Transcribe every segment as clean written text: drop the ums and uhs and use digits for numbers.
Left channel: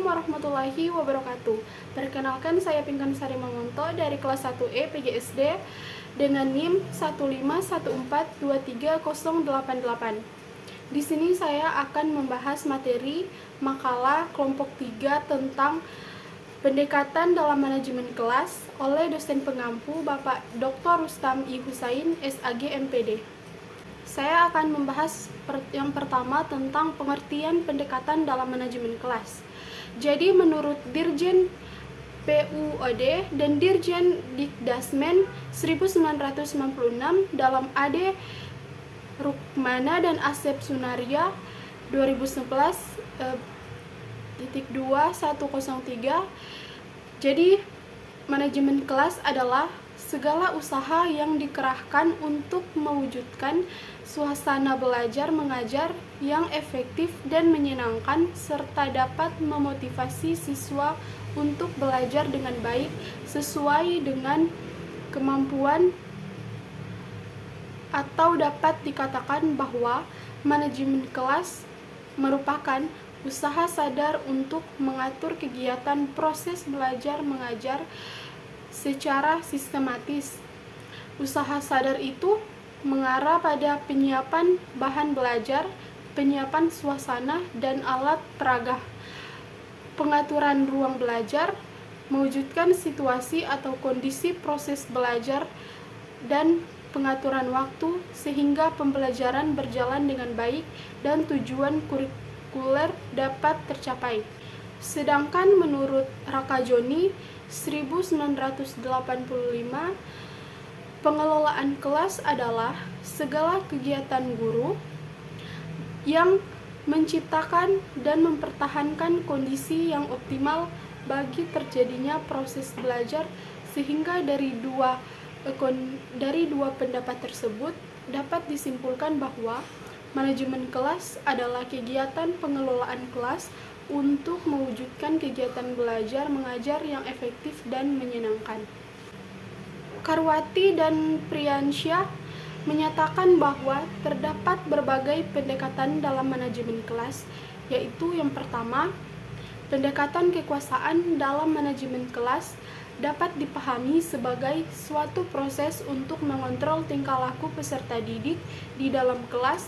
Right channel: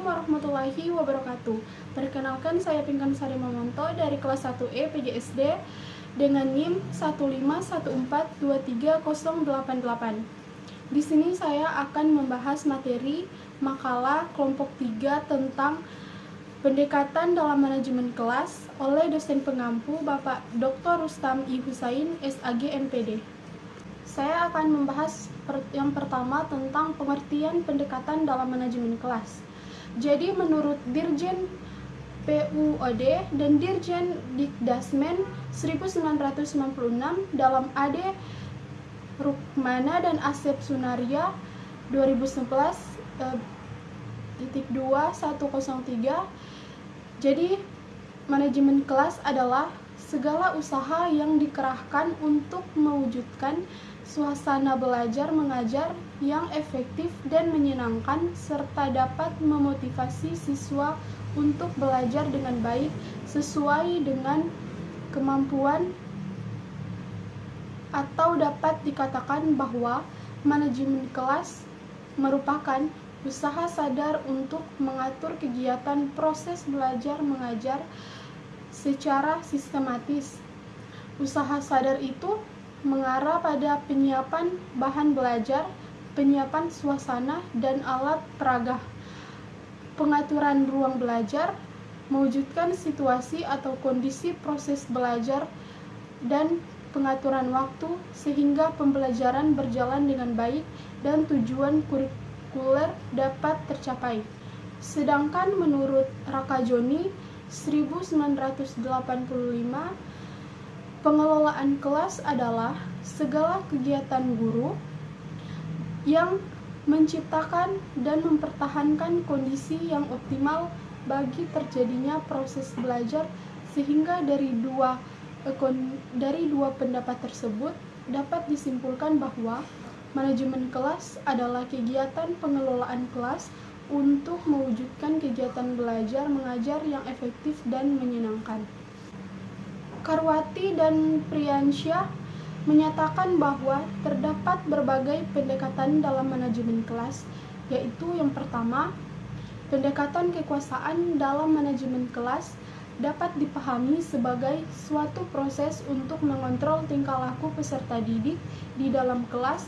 Assalamualaikum warahmatullahi wabarakatuh. Perkenalkan, saya Pinkan Sari Mamonto dari kelas 1E PGSD dengan NIM 151423088. Di sini saya akan membahas materi makalah kelompok 3 tentang pendekatan dalam manajemen kelas oleh dosen pengampu Bapak Dr. Rustam I. Husain, SAG MPD. Saya akan membahas yang pertama tentang pengertian pendekatan dalam manajemen kelas. Jadi menurut Dirjen PUOD dan Dirjen Dikdasmen 1996 dalam AD Rukmana dan Asep Sunaria 2011.2.103. Jadi manajemen kelas adalah segala usaha yang dikerahkan untuk mewujudkan suasana belajar mengajar yang efektif dan menyenangkan serta dapat memotivasi siswa untuk belajar dengan baik sesuai dengan kemampuan, atau dapat dikatakan bahwa manajemen kelas merupakan usaha sadar untuk mengatur kegiatan proses belajar mengajar secara sistematis. Usaha sadar itu mengarah pada penyiapan bahan belajar, penyiapan suasana dan alat peraga, pengaturan ruang belajar, mewujudkan situasi atau kondisi proses belajar, dan pengaturan waktu sehingga pembelajaran berjalan dengan baik dan tujuan kurikuler dapat tercapai. Sedangkan menurut Rakajoni 1985, pengelolaan kelas adalah segala kegiatan guru yang menciptakan dan mempertahankan kondisi yang optimal bagi terjadinya proses belajar, sehingga dari dua pendapat tersebut dapat disimpulkan bahwa manajemen kelas adalah kegiatan pengelolaan kelas untuk mewujudkan kegiatan belajar mengajar yang efektif dan menyenangkan. Karwati dan Priyansyah menyatakan bahwa terdapat berbagai pendekatan dalam manajemen kelas, yaitu yang pertama, pendekatan kekuasaan dalam manajemen kelas dapat dipahami sebagai suatu proses untuk mengontrol tingkah laku peserta didik di dalam kelas.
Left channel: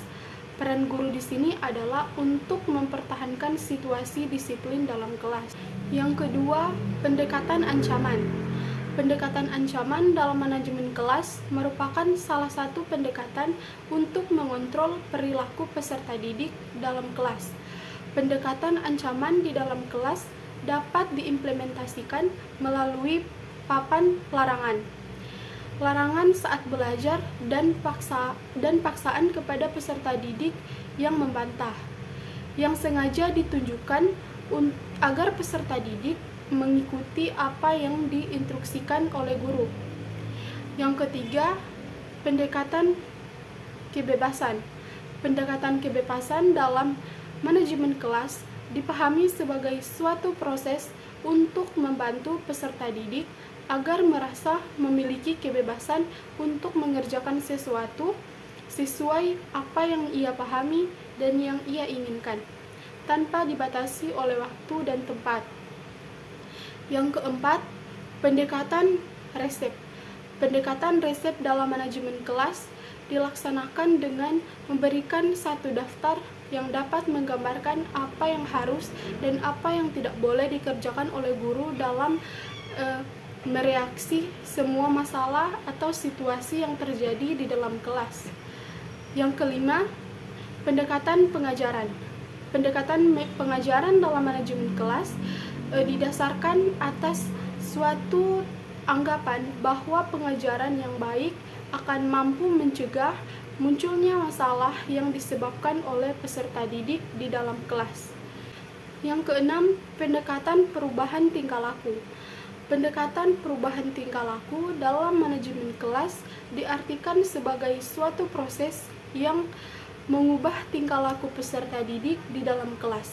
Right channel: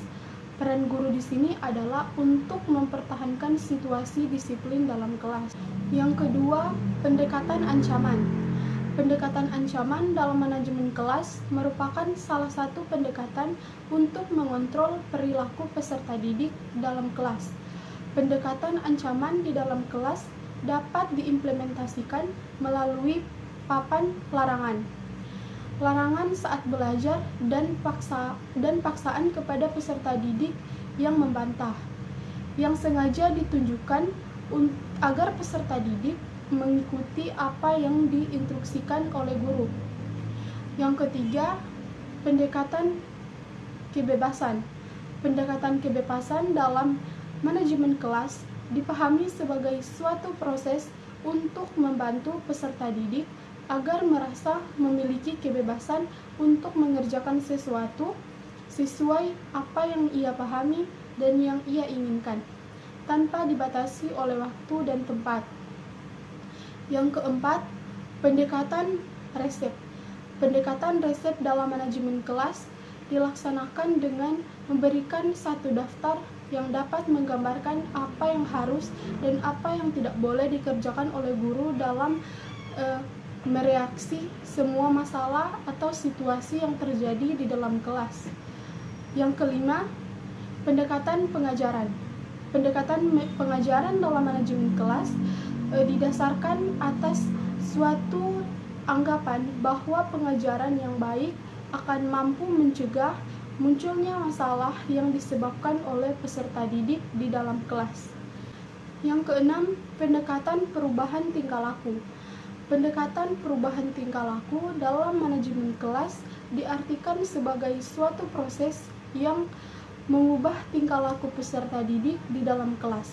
Peran guru di sini adalah untuk mempertahankan situasi disiplin dalam kelas. Yang kedua, pendekatan ancaman. Pendekatan ancaman dalam manajemen kelas merupakan salah satu pendekatan untuk mengontrol perilaku peserta didik dalam kelas. Pendekatan ancaman di dalam kelas dapat diimplementasikan melalui papan larangan. Larangan saat belajar dan paksaan kepada peserta didik yang membantah, yang sengaja ditunjukkan agar peserta didik mengikuti apa yang diinstruksikan oleh guru. Yang ketiga, pendekatan kebebasan. Pendekatan kebebasan dalam manajemen kelas dipahami sebagai suatu proses untuk membantu peserta didik agar merasa memiliki kebebasan untuk mengerjakan sesuatu sesuai apa yang ia pahami dan yang ia inginkan, tanpa dibatasi oleh waktu dan tempat. Yang keempat, pendekatan resep. Pendekatan resep dalam manajemen kelas dilaksanakan dengan memberikan satu daftar yang dapat menggambarkan apa yang harus dan apa yang tidak boleh dikerjakan oleh guru dalam mereaksi semua masalah atau situasi yang terjadi di dalam kelas. Yang kelima, pendekatan pengajaran. Pendekatan pengajaran dalam manajemen kelas didasarkan atas suatu anggapan bahwa pengajaran yang baik akan mampu mencegah munculnya masalah yang disebabkan oleh peserta didik di dalam kelas. Yang keenam, pendekatan perubahan tingkah laku. Pendekatan perubahan tingkah laku dalam manajemen kelas diartikan sebagai suatu proses yang mengubah tingkah laku peserta didik di dalam kelas.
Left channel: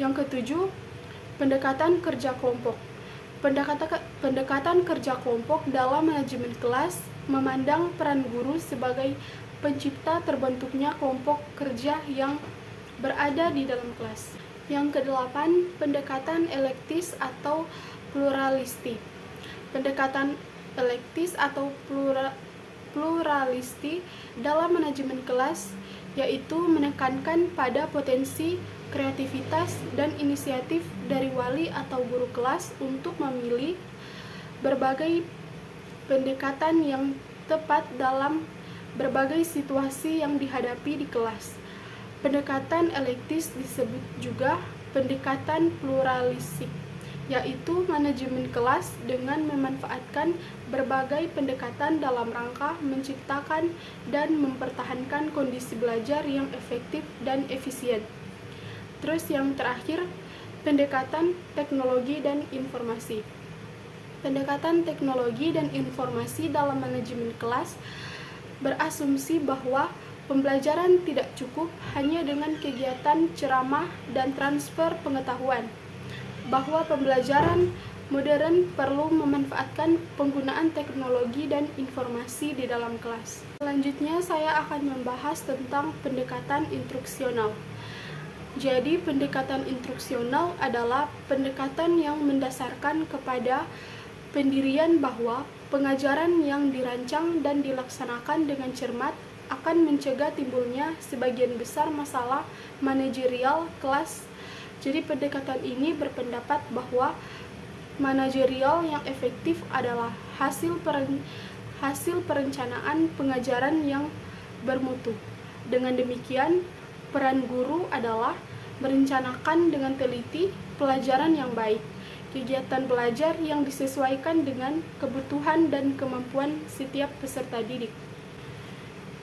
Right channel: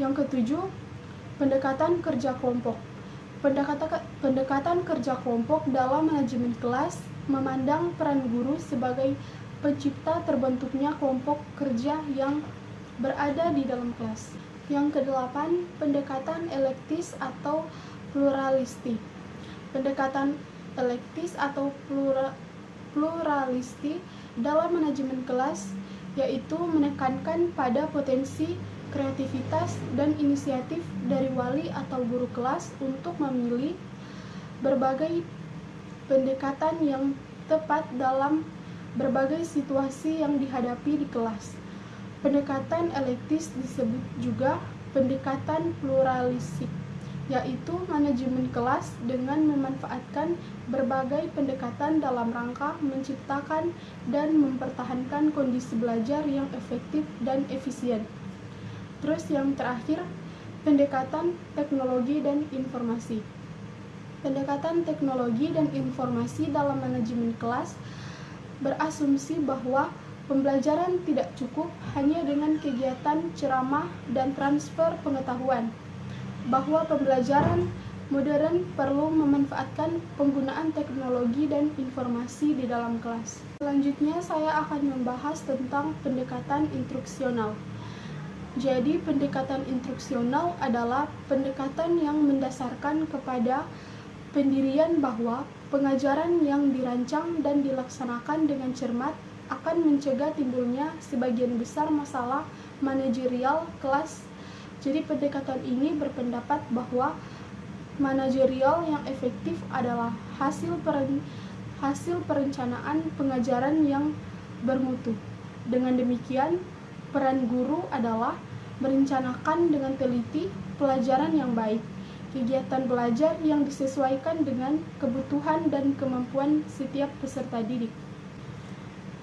Yang ketujuh, pendekatan kerja kelompok. Pendekatan kerja kelompok dalam manajemen kelas memandang peran guru sebagai pencipta terbentuknya kelompok kerja yang berada di dalam kelas. Yang kedelapan, pendekatan elektis atau pluralistik. Pendekatan elektis atau pluralistik dalam manajemen kelas yaitu menekankan pada potensi kreativitas dan inisiatif dari wali atau guru kelas untuk memilih berbagai pendekatan yang tepat dalam berbagai situasi yang dihadapi di kelas. Pendekatan elektis disebut juga pendekatan pluralistik, yaitu manajemen kelas dengan memanfaatkan berbagai pendekatan dalam rangka menciptakan dan mempertahankan kondisi belajar yang efektif dan efisien. Terus yang terakhir, pendekatan teknologi dan informasi. Pendekatan teknologi dan informasi dalam manajemen kelas berasumsi bahwa pembelajaran tidak cukup hanya dengan kegiatan ceramah dan transfer pengetahuan, bahwa pembelajaran modern perlu memanfaatkan penggunaan teknologi dan informasi di dalam kelas. Selanjutnya saya akan membahas tentang pendekatan instruksional. Jadi pendekatan instruksional adalah pendekatan yang mendasarkan kepada pendirian bahwa pengajaran yang dirancang dan dilaksanakan dengan cermat akan mencegah timbulnya sebagian besar masalah manajerial kelas. Jadi pendekatan ini berpendapat bahwa manajerial yang efektif adalah hasil perencanaan pengajaran yang bermutu. Dengan demikian, peran guru adalah merencanakan dengan teliti pelajaran yang baik, kegiatan belajar yang disesuaikan dengan kebutuhan dan kemampuan setiap peserta didik.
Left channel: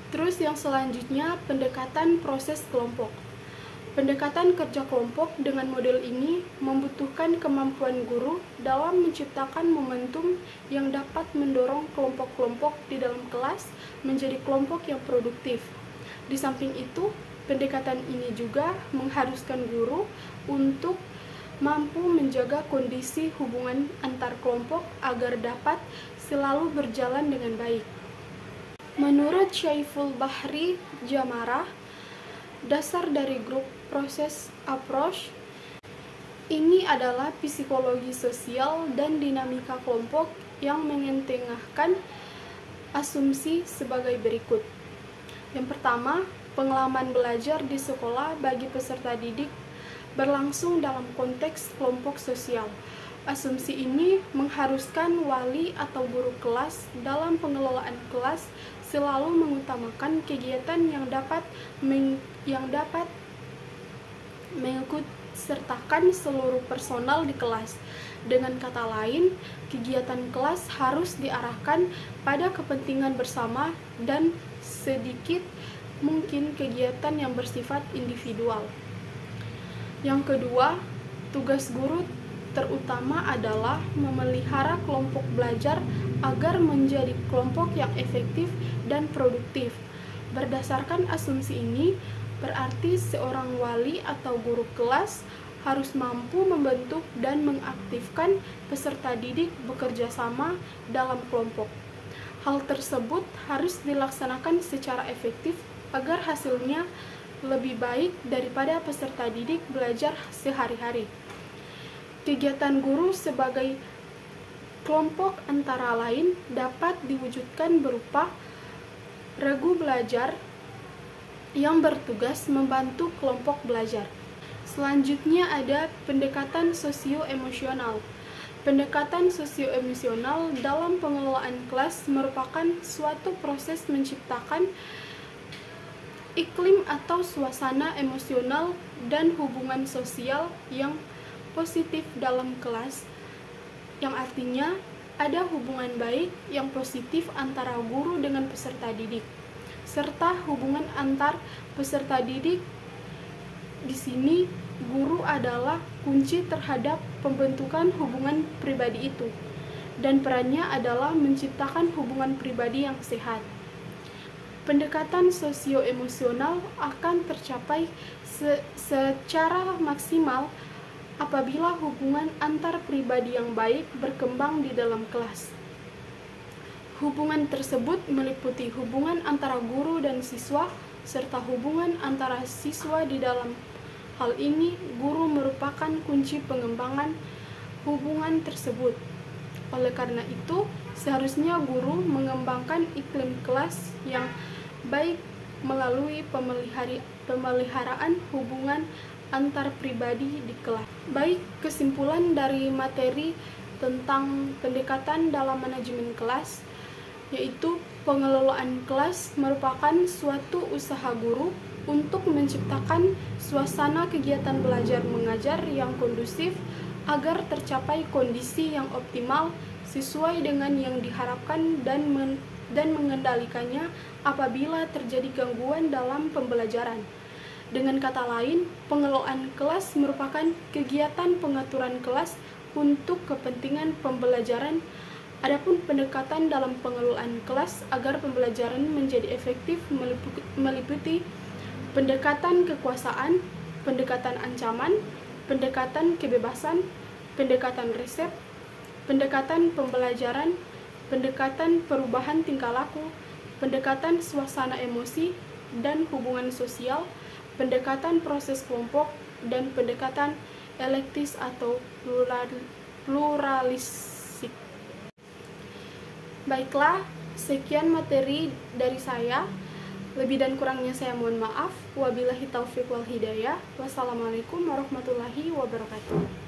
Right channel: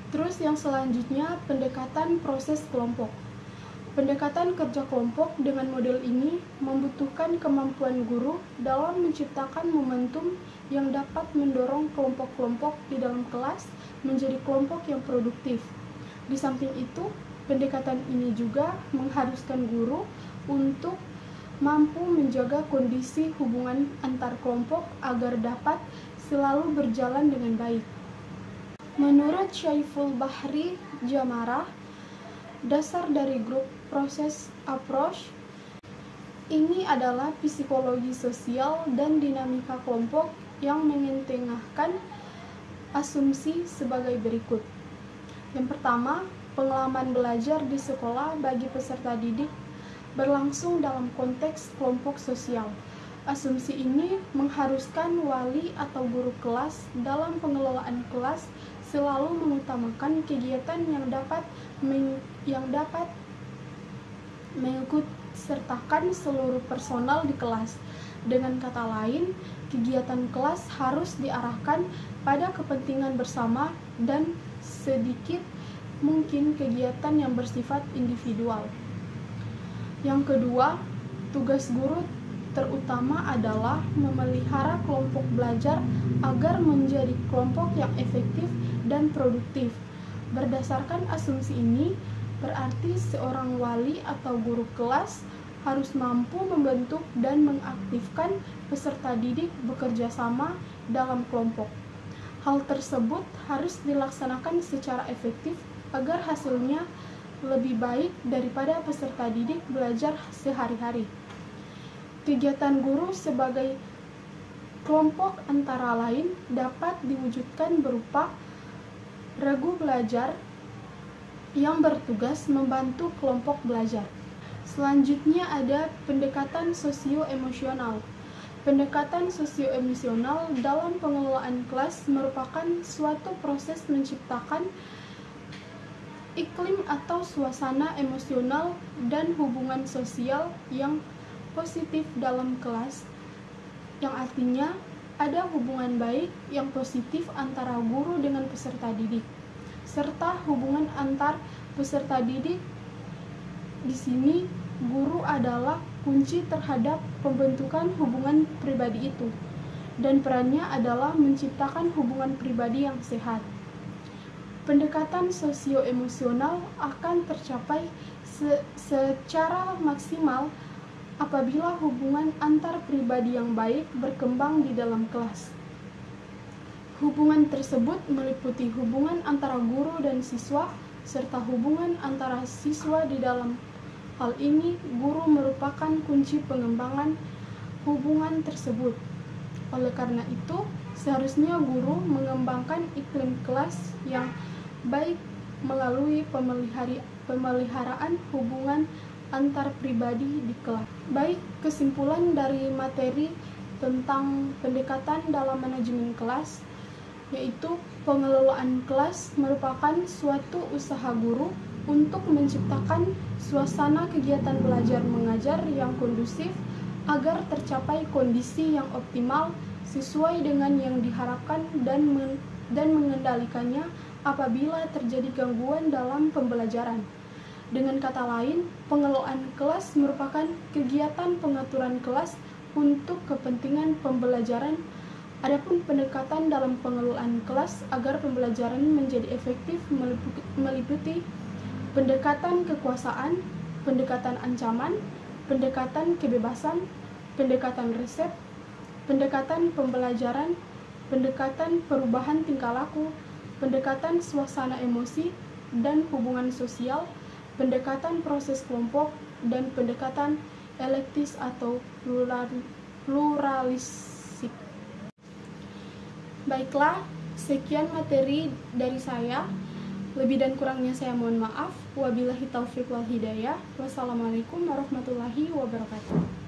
Terus yang selanjutnya, pendekatan proses kelompok. Pendekatan kerja kelompok dengan model ini membutuhkan kemampuan guru dalam menciptakan momentum yang dapat mendorong kelompok-kelompok di dalam kelas menjadi kelompok yang produktif. Di samping itu, pendekatan ini juga mengharuskan guru untuk mampu menjaga kondisi hubungan antar kelompok agar dapat selalu berjalan dengan baik. Menurut Syaiful Bahri Jamarah, dasar dari grup proses approach ini adalah psikologi sosial dan dinamika kelompok yang mengetengahkan asumsi sebagai berikut. Yang pertama, pengalaman belajar di sekolah bagi peserta didik berlangsung dalam konteks kelompok sosial. Asumsi ini mengharuskan wali atau guru kelas dalam pengelolaan kelas selalu mengutamakan kegiatan yang dapat mengikutsertakan seluruh personal di kelas. Dengan kata lain, kegiatan kelas harus diarahkan pada kepentingan bersama dan sedikit mungkin kegiatan yang bersifat individual. Yang kedua, tugas guru terutama adalah memelihara kelompok belajar agar menjadi kelompok yang efektif dan produktif. Berdasarkan asumsi ini, berarti seorang wali atau guru kelas harus mampu membentuk dan mengaktifkan peserta didik bekerja sama dalam kelompok. Hal tersebut harus dilaksanakan secara efektif agar hasilnya lebih baik daripada peserta didik belajar sehari-hari. Kegiatan guru sebagai kelompok antara lain dapat diwujudkan berupa regu belajar yang bertugas membantu kelompok belajar. Selanjutnya ada pendekatan sosio-emosional. Pendekatan sosio-emosional dalam pengelolaan kelas merupakan suatu proses menciptakan iklim atau suasana emosional dan hubungan sosial yang positif dalam kelas, yang artinya ada hubungan baik yang positif antara guru dengan peserta didik, serta hubungan antar peserta didik. Di sini, guru adalah kunci terhadap pembentukan hubungan pribadi itu, dan perannya adalah menciptakan hubungan pribadi yang sehat. Pendekatan sosio-emosional akan tercapai secara maksimal apabila hubungan antar pribadi yang baik berkembang di dalam kelas. Hubungan tersebut meliputi hubungan antara guru dan siswa, serta hubungan antara siswa di dalam hal ini guru merupakan kunci pengembangan hubungan tersebut. Oleh karena itu, seharusnya guru mengembangkan iklim kelas yang baik melalui pemeliharaan hubungan antar pribadi di kelas. Baik, kesimpulan dari materi tentang pendekatan dalam manajemen kelas, yaitu pengelolaan kelas merupakan suatu usaha guru untuk menciptakan suasana kegiatan belajar mengajar yang kondusif agar tercapai kondisi yang optimal sesuai dengan yang diharapkan dan mengendalikannya apabila terjadi gangguan dalam pembelajaran. Dengan kata lain, pengelolaan kelas merupakan kegiatan pengaturan kelas untuk kepentingan pembelajaran. Adapun pendekatan dalam pengelolaan kelas agar pembelajaran menjadi efektif meliputi pendekatan kekuasaan, pendekatan ancaman, pendekatan kebebasan, pendekatan resep, pendekatan pembelajaran, pendekatan perubahan tingkah laku, pendekatan suasana emosi dan hubungan sosial, pendekatan proses kelompok, dan pendekatan elektis atau pluralistik. Baiklah, sekian materi dari saya. Lebih dan kurangnya saya mohon maaf. Wabillahi taufiq wal hidayah. Wassalamualaikum warahmatullahi wabarakatuh.